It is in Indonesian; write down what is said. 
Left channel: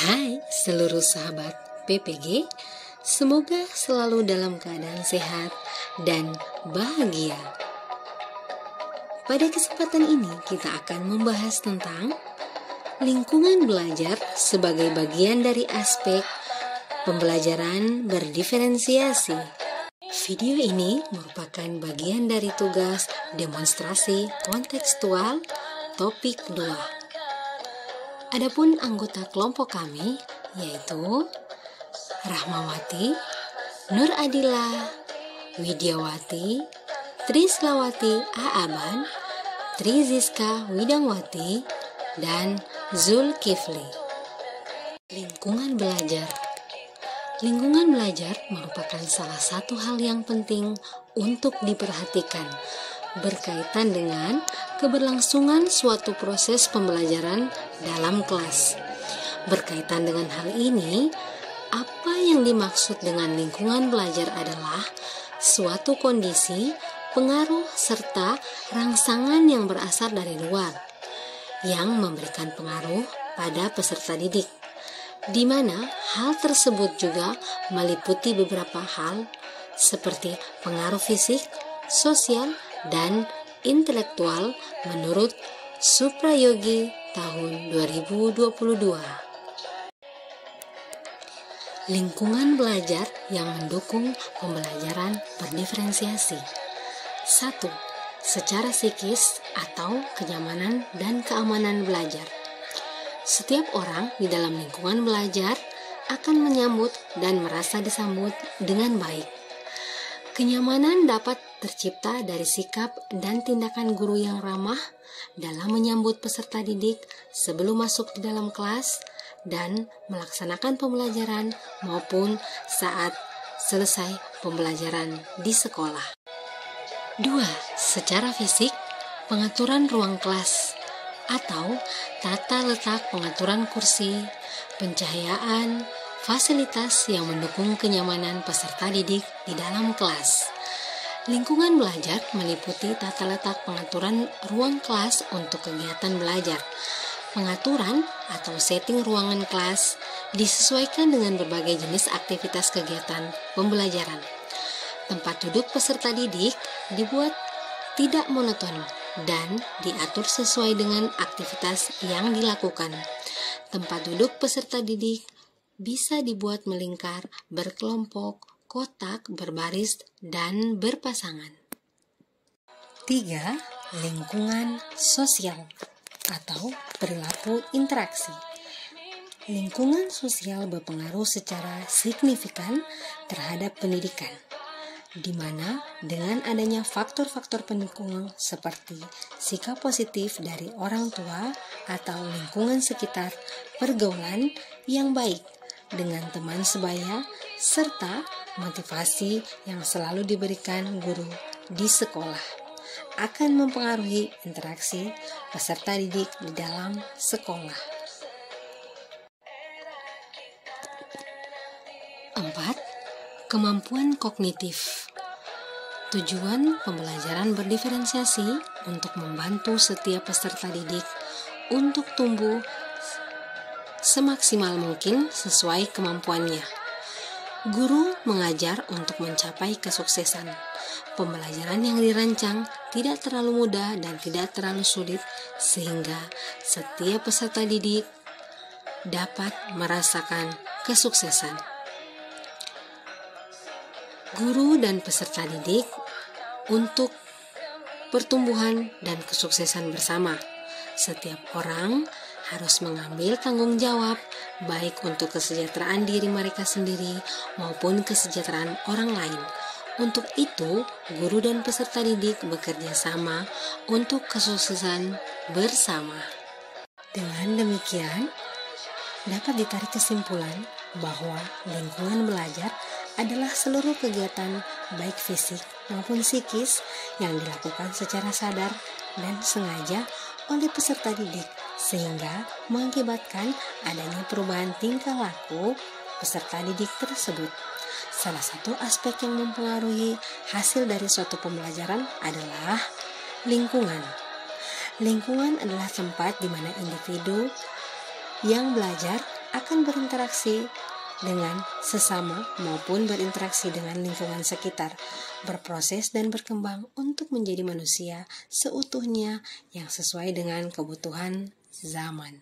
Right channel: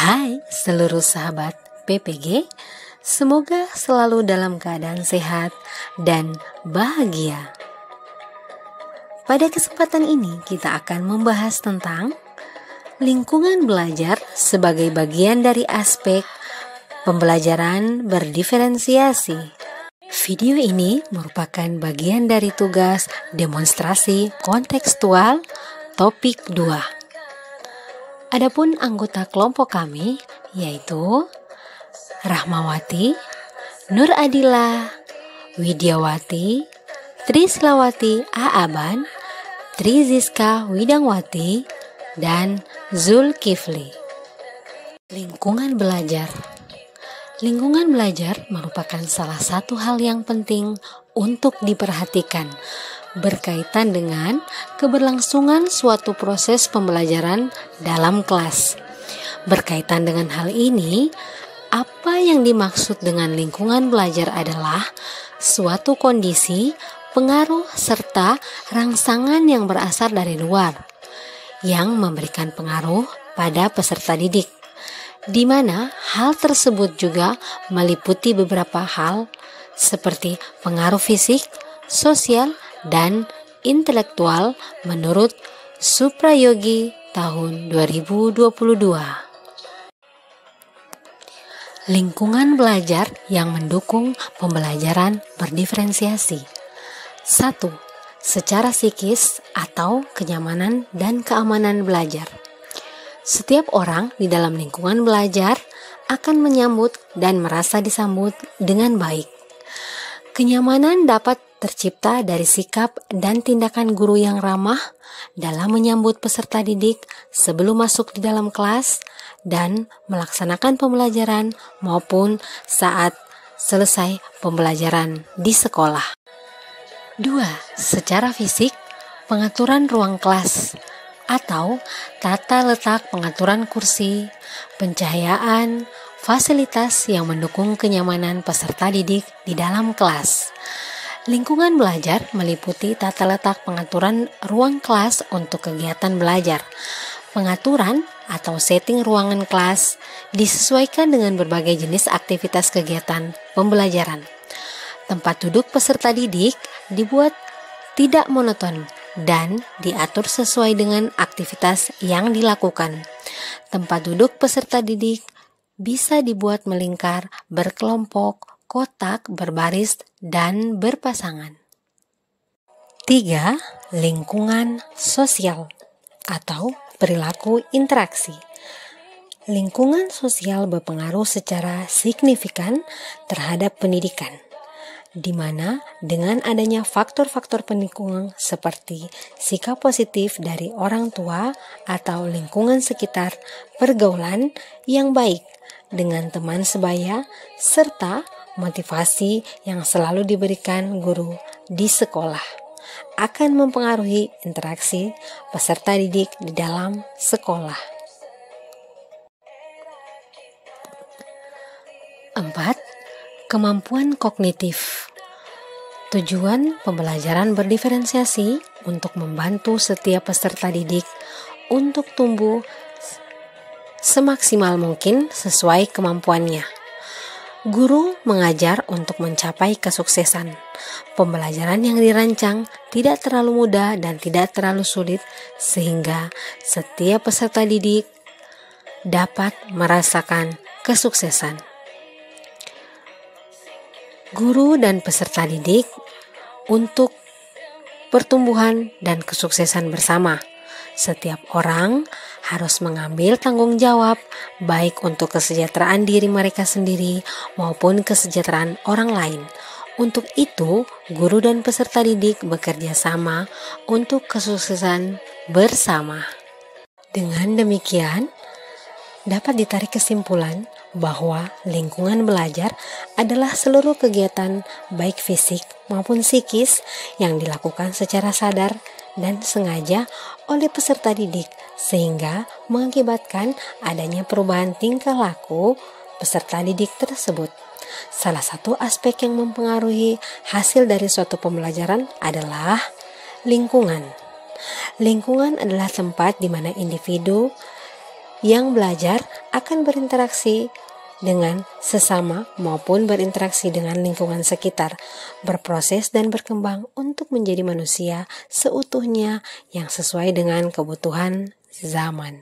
Hai seluruh sahabat PPG, semoga selalu dalam keadaan sehat dan bahagia. Pada kesempatan ini kita akan membahas tentang lingkungan belajar sebagai bagian dari aspek pembelajaran berdiferensiasi. Video ini merupakan bagian dari tugas demonstrasi kontekstual topik 2. Adapun anggota kelompok kami yaitu Rahmawati, Nur Adila, Widyawati, Trislawati Aaban, Triziska Widangwati, dan Zulkifli. Lingkungan belajar. Lingkungan belajar merupakan salah satu hal yang penting untuk diperhatikan berkaitan dengan keberlangsungan suatu proses pembelajaran dalam kelas. Berkaitan dengan hal ini, apa yang dimaksud dengan lingkungan belajar adalah suatu kondisi, pengaruh, serta rangsangan yang berasal dari luar, yang memberikan pengaruh pada peserta didik, di mana hal tersebut juga meliputi beberapa hal seperti pengaruh fisik, sosial, dan intelektual menurut Suprayogi tahun 2022. Lingkungan belajar yang mendukung pembelajaran berdiferensiasi. 1. Secara psikis atau kenyamanan dan keamanan belajar. Setiap orang di dalam lingkungan belajar akan menyambut dan merasa disambut dengan baik. Kenyamanan dapat tercipta dari sikap dan tindakan guru yang ramah dalam menyambut peserta didik sebelum masuk di dalam kelas dan melaksanakan pembelajaran maupun saat selesai pembelajaran di sekolah. 2. Secara fisik, pengaturan ruang kelas atau tata letak pengaturan kursi, pencahayaan, fasilitas yang mendukung kenyamanan peserta didik di dalam kelas. Lingkungan belajar meliputi tata letak pengaturan ruang kelas untuk kegiatan belajar. Pengaturan atau setting ruangan kelas disesuaikan dengan berbagai jenis aktivitas kegiatan pembelajaran. Tempat duduk peserta didik dibuat tidak monoton dan diatur sesuai dengan aktivitas yang dilakukan. Tempat duduk peserta didik bisa dibuat melingkar, berkelompok, kotak, berbaris, dan berpasangan. 3. Lingkungan sosial atau perilaku interaksi. Lingkungan sosial berpengaruh secara signifikan terhadap pendidikan, di mana dengan adanya faktor-faktor pendukung seperti sikap positif dari orang tua atau lingkungan sekitar, pergaulan yang baik dengan teman sebaya, serta motivasi yang selalu diberikan guru di sekolah akan mempengaruhi interaksi peserta didik di dalam sekolah. 4. Kemampuan kognitif. Tujuan pembelajaran berdiferensiasi untuk membantu setiap peserta didik untuk tumbuh semaksimal mungkin sesuai kemampuannya. Guru mengajar untuk mencapai kesuksesan. Pembelajaran yang dirancang tidak terlalu mudah dan tidak terlalu sulit sehingga setiap peserta didik dapat merasakan kesuksesan. Guru dan peserta didik untuk pertumbuhan dan kesuksesan bersama. Setiap orang harus mengambil tanggung jawab baik untuk kesejahteraan diri mereka sendiri maupun kesejahteraan orang lain. Untuk itu, guru dan peserta didik bekerja sama untuk kesuksesan bersama. Dengan demikian, dapat ditarik kesimpulan bahwa lingkungan belajar adalah seluruh kegiatan baik fisik maupun psikis yang dilakukan secara sadar dan sengaja oleh peserta didik sehingga mengakibatkan adanya perubahan tingkah laku peserta didik tersebut. Salah satu aspek yang mempengaruhi hasil dari suatu pembelajaran adalah lingkungan. Lingkungan adalah tempat di mana individu yang belajar akan berinteraksi dengan sesama maupun berinteraksi dengan lingkungan sekitar, berproses dan berkembang untuk menjadi manusia seutuhnya yang sesuai dengan kebutuhan zaman.